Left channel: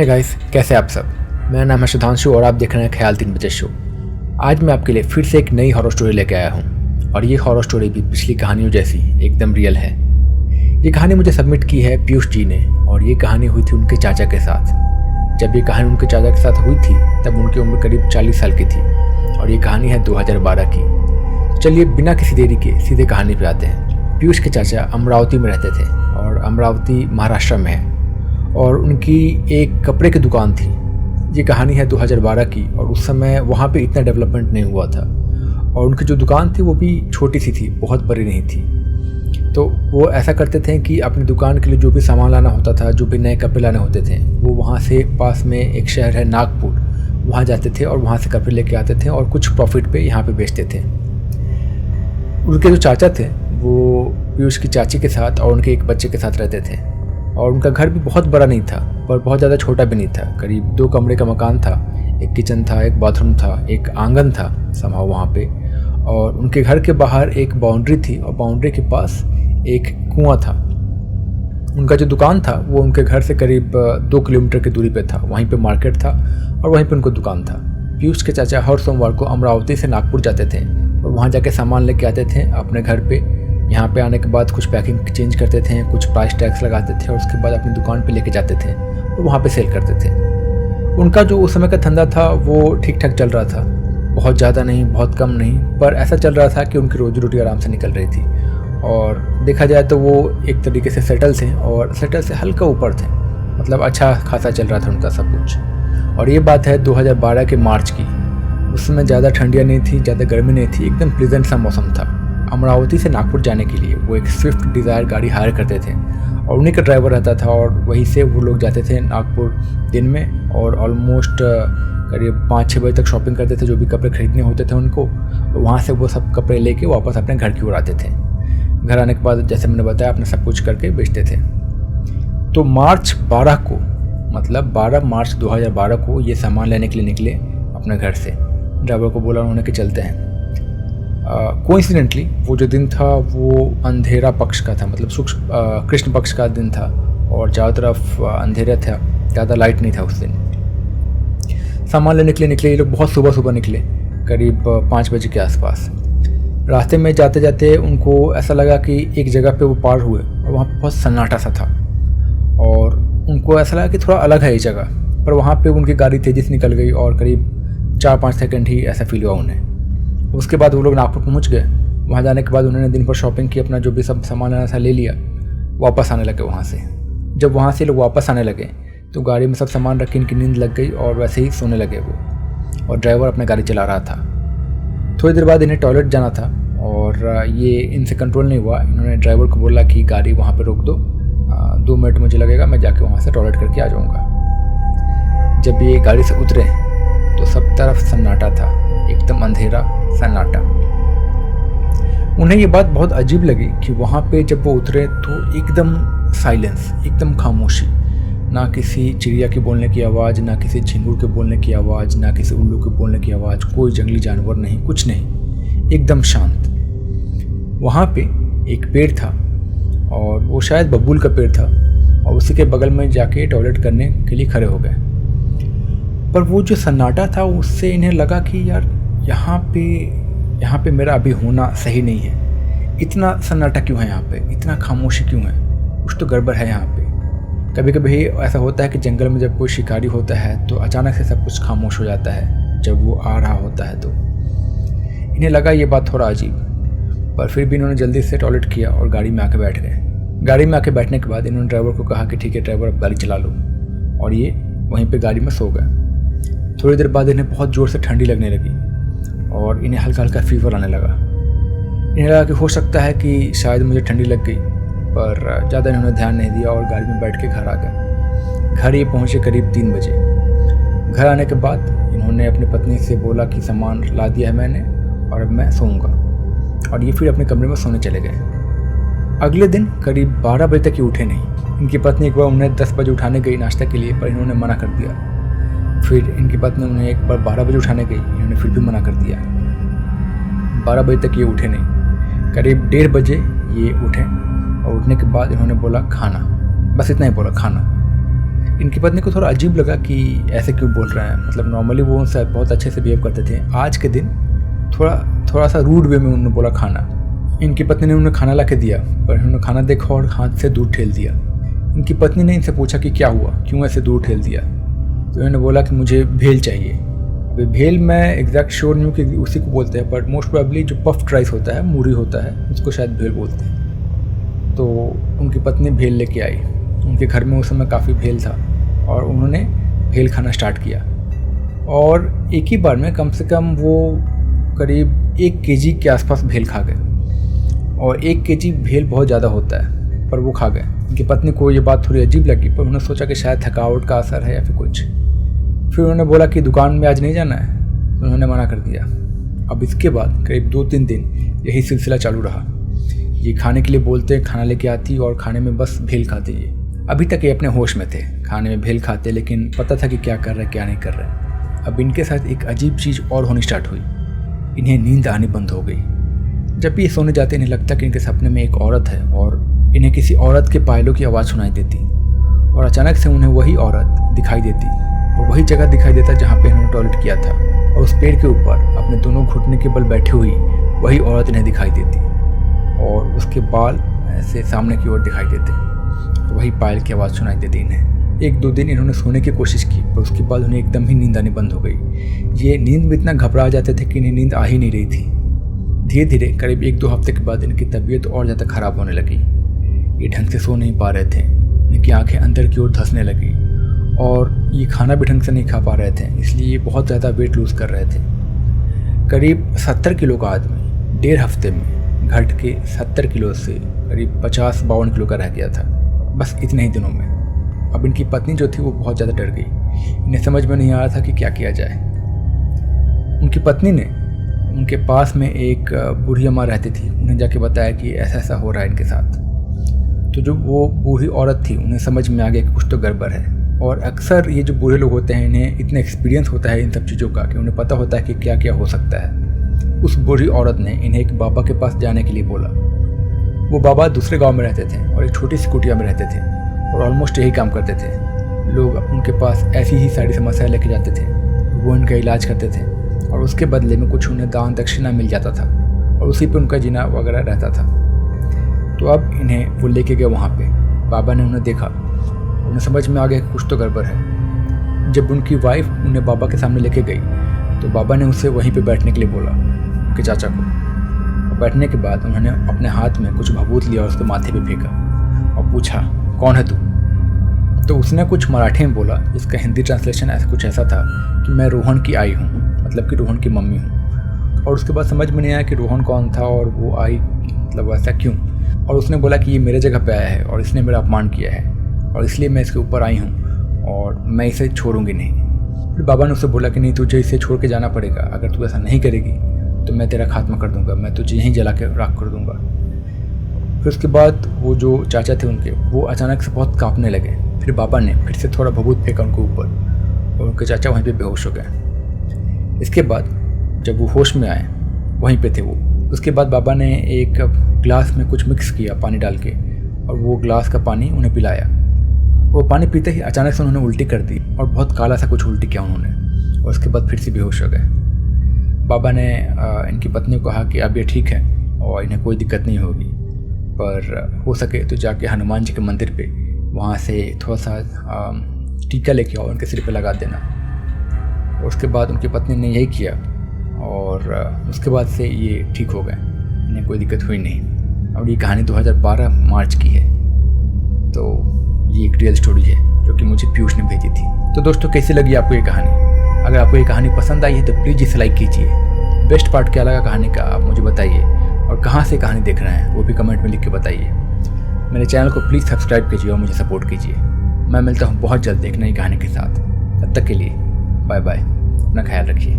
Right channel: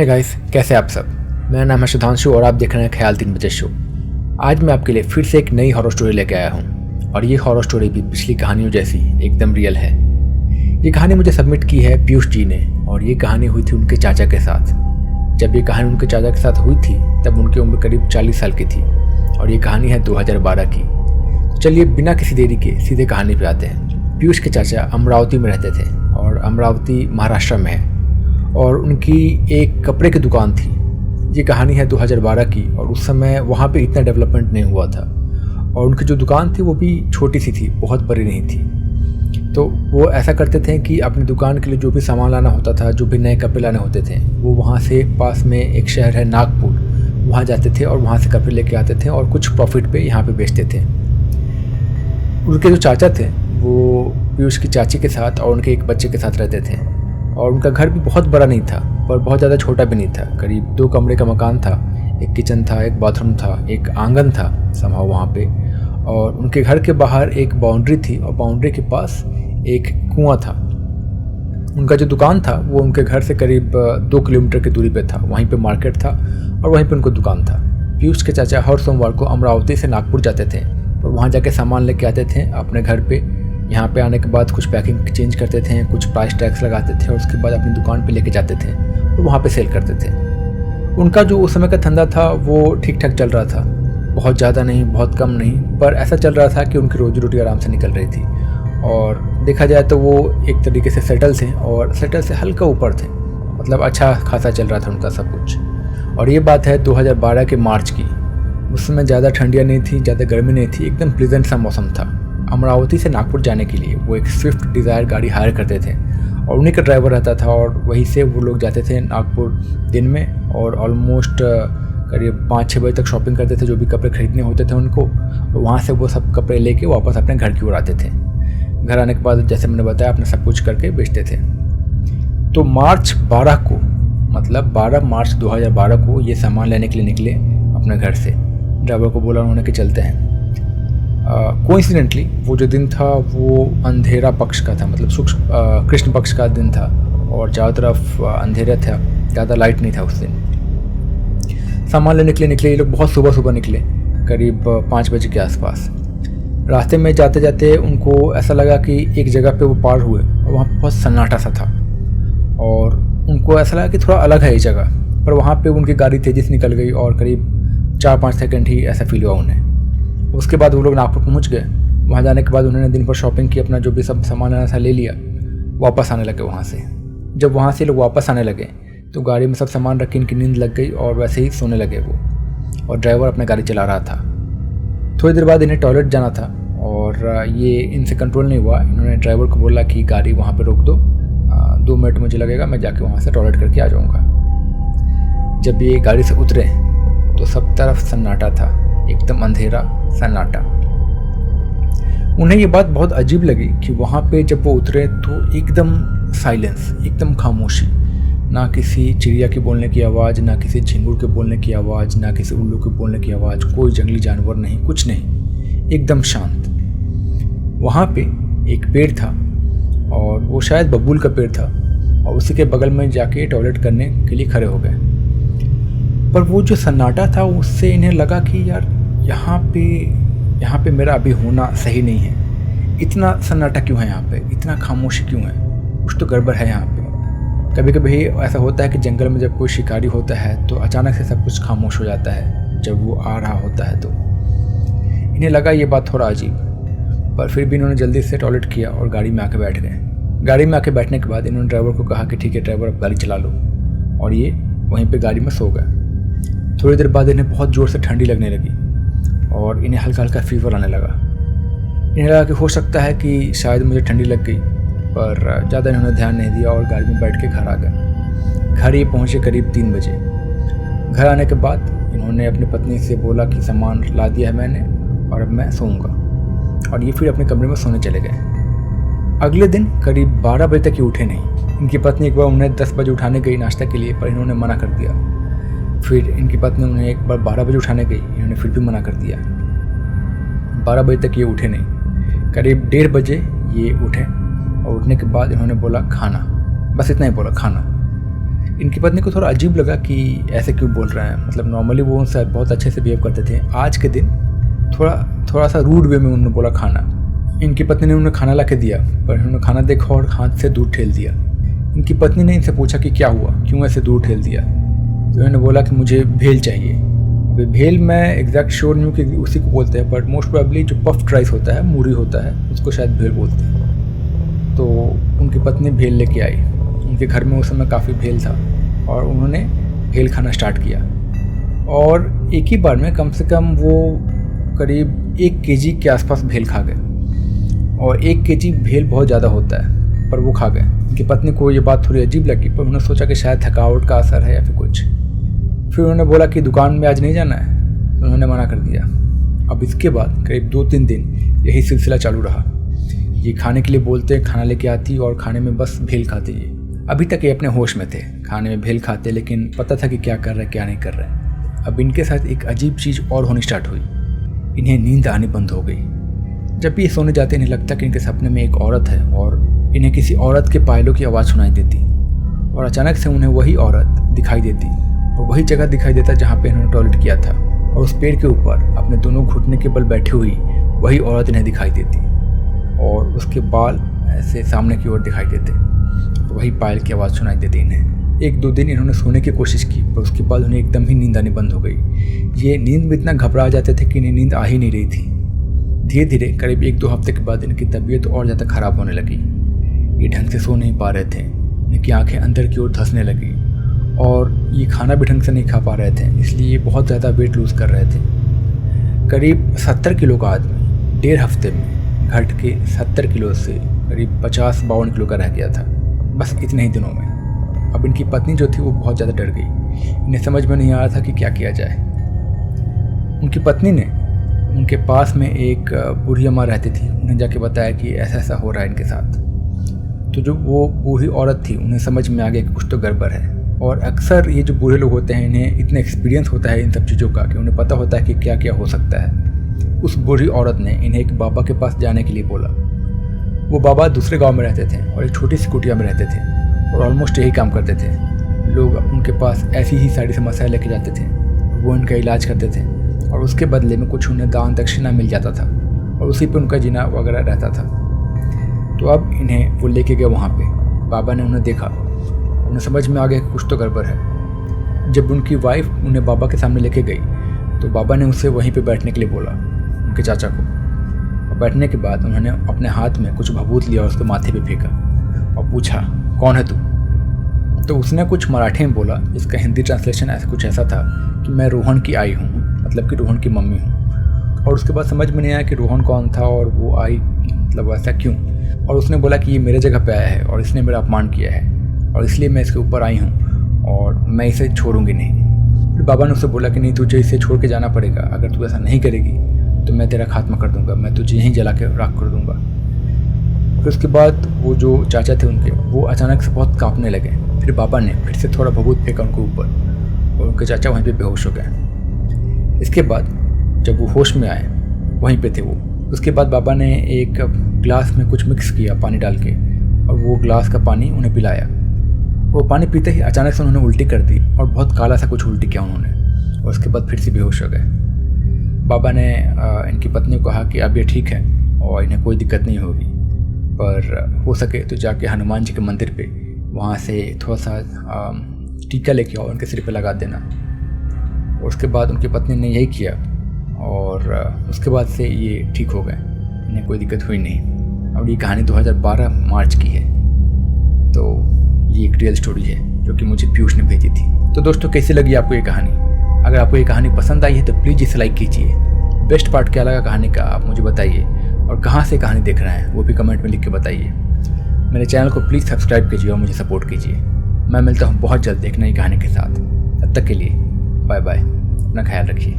Hey guys, कैसे आप सब। मेरा नाम है सुधांशु और आप देख रहे हैं ख्याल 3 बजे शो। आज मैं आपके लिए फिर से एक नई हॉरर स्टोरी लेके आया हूँ और ये हॉरर स्टोरी भी पिछली कहानियों जैसी एकदम रियल है। ये कहानी मुझे सबमिट की है पीयूष जी ने और ये कहानी हुई थी उनके चाचा के साथ। जब ये कहानी उनके चाचा के साथ हुई थी तब उनकी उम्र करीब 40 साल की थी और ये कहानी है 2012 की। तो चलिए बिना किसी देरी के सीधे कहानी पे आते हैं। पीयूष के चाचा अमरावती में रहते थे और अमरावती महाराष्ट्र में है और उनकी एक कपड़े की दुकान थी। ये कहानी है 2012 की और उस समय वहाँ पे इतना डेवलपमेंट नहीं हुआ था और उनकी जो दुकान थी वो भी छोटी सी थी, बहुत बड़ी नहीं थी। तो वो ऐसा करते थे कि अपनी दुकान के लिए जो भी सामान लाना होता था, जो भी नए कपड़े लाने होते थे, वो वहाँ से पास में एक शहर है नागपुर, वहाँ जाते थे और वहाँ से कपड़े लेके आते थे और कुछ प्रॉफिट पे यहाँ पे बेचते थे। उनके जो चाचा थे वो पीयूष की चाची के साथ और उनके एक बच्चे के साथ रहते थे और उनका घर भी बहुत बड़ा नहीं था पर बहुत ज़्यादा छोटा भी नहीं था। करीब 2 कमरे का मकान था, एक किचन था, एक बाथरूम था, एक आंगन था समाव वहाँ पे और उनके घर के बाहर एक बाउंड्री थी और बाउंड्री के पास एक कुआं था। उनका जो दुकान था वो उनके घर से करीब 2 किलोमीटर की दूरी पे था। वहीं पे मार्केट था और वहीं पे उनको दुकान था। पीयूष के चाचा हर सोमवार को अमरावती से नागपुर जाते थे और वहाँ जाके सामान लेके आते थे अपने घर पे। यहाँ पे आने के बाद कुछ पैकिंग चेंज करते थे, कुछ प्राइस टैग्स लगाते थे और उसके बाद अपनी दुकान पे लेके जाते थे और वहाँ पे सेल करते थे। उनका जो उस समय का धंधा था वो ठीक ठाक चल रहा था, बहुत ज़्यादा नहीं, बहुत कम नहीं, पर ऐसा चल रहा था कि उनकी रोजी रोटी आराम से निकल रही थी और देखा जाए तो वो एक तरीके से सेटल थे और सेटल से हल्का ऊपर थे, मतलब अच्छा खासा चल रहा था उनका सब कुछ। और ये बात है 2012 के मार्च की। उस समय ज़्यादा ठंडियाँ नहीं थी, ज़्यादा गर्मी नहीं थी, एकदम प्लीजेंट सा मौसम था। अमरावती से नागपुर जाने के लिए वो एक स्विफ्ट डिज़ायर गाड़ी हायर करते थे और उन्हीं का ड्राइवर रहता था और वहीं से वो लोग जाते थे नागपुर दिन में और ऑलमोस्ट करीब 5-6 बजे तक शॉपिंग करते थे, जो भी कपड़े खरीदने होते थे उनको। और वहाँ से वो सब कपड़े लेके वापस अपने घर की ओर आते थे। घर आने के बाद जैसे मैंने बताया अपना सब कुछ करके बेचते थे। तो मार्च 12 को, मतलब 12 मार्च 2012 को ये सामान लेने के लिए निकले अपने घर से। ड्राइवर को बोला उन्होंने कि चलते हैं। कोइंसिडेंटली वो जो दिन था वो अंधेरा पक्ष का था, मतलब कृष्ण पक्ष का दिन था और चारों तरफ अंधेरा था, ज़्यादा लाइट नहीं था उस दिन। सामान लेने के लिए निकले ये लोग, बहुत सुबह सुबह निकले, करीब 5 बजे के आसपास। रास्ते में जाते जाते उनको ऐसा लगा कि एक जगह पे वो पार हुए और वहाँ बहुत सन्नाटा सा था और उनको ऐसा लगा कि थोड़ा अलग है ये जगह, पर वहाँ पे उनकी गाड़ी तेज़ी से निकल गई और करीब 4-5 सेकंड ही ऐसा फील हुआ उन्हें। उसके बाद वो लोग नागपुर पहुँच गए। वहाँ जाने के बाद उन्होंने दिन भर शॉपिंग की, अपना जो भी सब सामान लेना था ले लिया, वापस आने लगे वहाँ से। जब वहाँ से लोग वापस आने लगे तो गाड़ी में सब सामान रख के इनकी नींद लग गई और वैसे ही सोने लगे वो, और ड्राइवर अपनी गाड़ी चला रहा था। थोड़ी देर बाद इन्हें टॉयलेट जाना था और ये इनसे कंट्रोल नहीं हुआ। इन्होंने ड्राइवर को बोला कि गाड़ी वहाँ पर रोक दो, 2 मिनट मुझे लगेगा, मैं जाके वहाँ से टॉयलेट करके आ जाऊँगा। जब ये गाड़ी से उतरे तो सब तरफ सन्नाटा था, एकदम अंधेरा सन्नाटा। उन्हें ये बात बहुत अजीब लगी कि वहाँ पे जब वो उतरे तो एकदम साइलेंस, एकदम खामोशी, ना किसी चिड़िया के बोलने की आवाज़, ना किसी झिंगुर के बोलने की आवाज़, ना किसी उल्लू के बोलने की आवाज़, कोई जंगली जानवर नहीं, कुछ नहीं, एकदम शांत। वहाँ पे एक पेड़ था और वो शायद बबूल का पेड़ था और उसी के बगल में जाके टॉयलेट करने के लिए खड़े हो गए। पर वो जो सन्नाटा था उससे इन्हें लगा कि यार यहाँ पे मेरा अभी होना सही नहीं है। इतना सन्नाटा क्यों है यहाँ पे, इतना खामोशी क्यों है, कुछ तो गड़बड़ है यहाँ पे। कभी कभी ऐसा होता है कि जंगल में जब कोई शिकारी होता है तो अचानक से सब कुछ खामोश हो जाता है जब वो आ रहा होता है। तो इन्हें लगा ये बात थोड़ा अजीब, पर फिर भी इन्होंने जल्दी से टॉयलेट किया और गाड़ी में आके बैठ गए। गाड़ी में आके बैठने के बाद इन्होंने ड्राइवर को कहा कि ठीक है ड्राइवर, अब गाड़ी चला लो, और ये वहीं पर गाड़ी में सो गए। थोड़ी देर बाद इन्हें बहुत ज़ोर से ठंडी लगने लगी और इन्हें हल्का हल्का फीवर आने लगा। इन्हें लगा कि हो सकता है कि शायद मुझे ठंडी लग गई, पर ज़्यादा इन्होंने ध्यान नहीं दिया और गाड़ी में बैठ के घर आ गए। घर ये पहुँचे करीब 3 बजे। घर आने के बाद इन्होंने अपनी पत्नी से बोला कि सामान ला दिया है मैंने और अब मैं सोऊंगा, और ये फिर अपने कमरे में सोने चले गए। अगले दिन करीब 12 बजे तक ये उठे नहीं। इनकी पत्नी एक बार उन्हें 10 बजे उठाने गई नाश्ता के लिए, पर इन्होंने मना कर दिया। फिर इनकी पत्नी उन्हें एक बार 12 बजे उठाने गई, इन्होंने फिर भी मना कर दिया। 12 बजे तक ये उठे नहीं। करीब 1:30 बजे ये उठे और उठने के बाद इन्होंने बोला खाना, बस इतना ही बोला, खाना। इनकी पत्नी को थोड़ा अजीब लगा कि ऐसे क्यों बोल रहे हैं, मतलब नॉर्मली वो उनसे बहुत अच्छे से बिहेव करते थे, आज के दिन थोड़ा सा रूड वे में उन्होंने बोला खाना। इनकी पत्नी ने उन्हें खाना ला के दिया, पर उन्होंने खाना देखा और हाथ से दूर ठेल दिया। इनकी पत्नी ने इनसे पूछा कि क्या हुआ, क्यों ऐसे दूर ठेल दिया। तो इन्होंने बोला कि मुझे भेल चाहिए। अभी भेल मैं एग्जैक्ट श्योर नहीं हूँ कि उसी को बोलते हैं, बट मोस्ट प्रोबेबली जो पफ्ड राइस होता है, मूरी होता है, उसको शायद भेल बोलते हैं। तो उनकी पत्नी भेल लेके आई। उनके घर में उस समय काफ़ी भेल था और उन्होंने भेल खाना स्टार्ट किया। और एक ही बार में कम से कम वो करीब 1 केजी के आसपास भेल खा गए। और 1 केजी भेल बहुत ज़्यादा होता है, पर वो खा गए। उनकी पत्नी को ये बात थोड़ी अजीब लगी, पर उन्होंने सोचा कि शायद थकावट का असर है या फिर कुछ। फिर उन्होंने बोला कि दुकान में आज नहीं जाना है, तो उन्होंने मना कर दिया। अब इसके बाद करीब 2-3 दिन यही सिलसिला चालू रहा। ये खाने के लिए बोलते, खाना लेके आती और खाने में बस भेल खाते। ये अभी तक ये अपने होश में थे, खाने में भेल खाते, लेकिन पता था कि क्या कर रहे हैं क्या नहीं कर रहे हैं। अब इनके साथ एक अजीब चीज़ और होनी स्टार्ट हुई। इन्हें नींद आनी बंद हो गई। जब भी ये सोने जाते इन्हें लगता कि इनके सपने में एक औरत है और इन्हें किसी औरत के पायलों की आवाज़ सुनाई देती और अचानक से उन्हें वही औरत दिखाई देती और वही जगह दिखाई देता जहाँ पे इन्होंने टॉयलेट किया था। और उस पेड़ के ऊपर अपने दोनों घुटने के बल बैठी हुई वही औरत इन्हें दिखाई देती और उसके बाल ऐसे सामने की ओर दिखाई देते। तो वही पायल की आवाज़ सुनाई देती इन्हें। 1-2 दिन इन्होंने सोने की कोशिश की, पर उसके बाद उन्हें एकदम ही नींद आनी बंद हो गई। ये नींद में इतना घबरा जाते थे कि इन्हें नींद आ ही नहीं रही थी। धीरे धीरे करीब 1-2 हफ्ते के बाद इनकी तबीयत और ज़्यादा ख़राब होने लगी। ये ढंग से सो नहीं पा रहे थे, इनकी आंखें अंदर की ओर धंसने लगी और ये खाना भी ढंग से नहीं खा पा रहे थे, इसलिए ये बहुत ज़्यादा वेट लूज़ कर रहे थे। करीब 70 किलो का आदमी 1.5 हफ्ते में घट के 70 किलो से करीब 50-52 किलो का रह गया था, बस इतने ही दिनों में। अब इनकी पत्नी जो थी वो बहुत ज़्यादा डर गई। इन्हें समझ में नहीं आ रहा था कि क्या किया जाए। उनकी पत्नी ने उनके पास में एक बूढ़ी अम्मा रहती थी, उन्हें जाके बताया कि ऐसा ऐसा हो रहा है इनके साथ। तो जो वो बूढ़ी औरत थी उन्हें समझ में आ गया कि कुछ तो गड़बड़ है। और अक्सर ये जो बूढ़े लोग होते हैं इन्हें इतना एक्सपीरियंस होता है इन सब चीज़ों का कि उन्हें पता होता है कि क्या क्या हो सकता है। उस बूढ़ी औरत ने इन्हें एक बाबा के पास जाने के लिए बोला। वो बाबा दूसरे गांव में रहते थे और एक छोटी सी कुटिया में रहते थे और ऑलमोस्ट यही काम करते थे। लोग उनके पास ऐसी ही सारी समस्याएं लेके जाते थे, वो उनका इलाज करते थे और उसके बदले में कुछ उन्हें दान दक्षिणा मिल जाता था और उसी पे उनका जीना वगैरह रहता था। तो अब इन्हें वो लेके गए वहाँ पे। बाबा ने उन्हें देखा, उन्हें समझ में आ गया कि कुछ तो गड़बड़ है। जब उनकी वाइफ उन्हें बाबा के सामने लेके गई तो बाबा ने उसे वहीं पे बैठने के लिए बोला, उनके चाचा को। और बैठने के बाद उन्होंने अपने हाथ में कुछ भभूत लिया और उसके माथे पे फेंका और पूछा, कौन है तू? तो उसने कुछ मराठी में बोला, जिसका हिंदी ट्रांसलेशन ऐसा कुछ ऐसा था कि मैं रोहन की आई हूँ, मतलब कि रोहन की मम्मी हूँ। और उसके बाद समझ में नहीं आया कि रोहन कौन था और वो आई मतलब ऐसा क्यों। और उसने बोला कि ये मेरे जगह पे आया है और इसने मेरा अपमान किया है और इसलिए मैं इसके ऊपर आई हूँ और मैं इसे छोड़ूंगी नहीं। फिर बाबा ने उससे बोला कि नहीं, तुझे इसे छोड़ के जाना पड़ेगा। अगर तू ऐसा नहीं करेगी तो मैं तेरा खात्मा कर दूंगा, मैं तुझे यहीं जला के राख कर दूंगा। फिर उसके बाद वो जो चाचा थे उनके, वो अचानक से बहुत कांपने लगे। फिर बाबा ने फिर से थोड़ा भभूत फेंका उनके ऊपर और उनके चाचा वहीं पे बेहोश हो गए। इसके बाद जब वो होश में आए, वहीं पे थे वो। उसके बाद बाबा ने एक ग्लास में कुछ मिक्स किया पानी डाल के और वो ग्लास का पानी उन्हें पिलाया। वो पानी पीते ही अचानक से उन्होंने उल्टी कर दी और बहुत काला सा कुछ उल्टी किया उन्होंने और उसके बाद फिर से बेहोश हो गए। बाबा ने इनकी पत्नी को कहा कि अब ये ठीक है और इन्हें कोई दिक्कत नहीं होगी, पर हो सके तो जाके हनुमान जी के मंदिर पे वहाँ से थोड़ा सा टीका लेके आओ, उनके सिर पे लगा देना। और उसके बाद उनकी पत्नी ने यही किया और उसके बाद से ये ठीक हो गए, इन्हें कोई दिक्कत हुई नहीं। और ये कहानी 2012 मार्च की है। तो ये एक रियल स्टोरी है जो कि मुझे पीयूष ने भेजी थी। तो दोस्तों, कैसी लगी आपको ये कहानी? अगर आपको ये कहानी पसंद आई है तो प्लीज़ इसे लाइक कीजिए। बेस्ट पार्ट क्या लगा कहानी का आप मुझे बताइए और कहाँ से कहानी देख रहे हैं वो भी कमेंट में लिख के बताइए। मेरे चैनल को प्लीज़ सब्सक्राइब कीजिए और मुझे सपोर्ट कीजिए। मैं मिलता हूँ बहुत जल्द एक नई कहानी के साथ। तब तक के लिए बाय बाय, अपना ख्याल रखिए।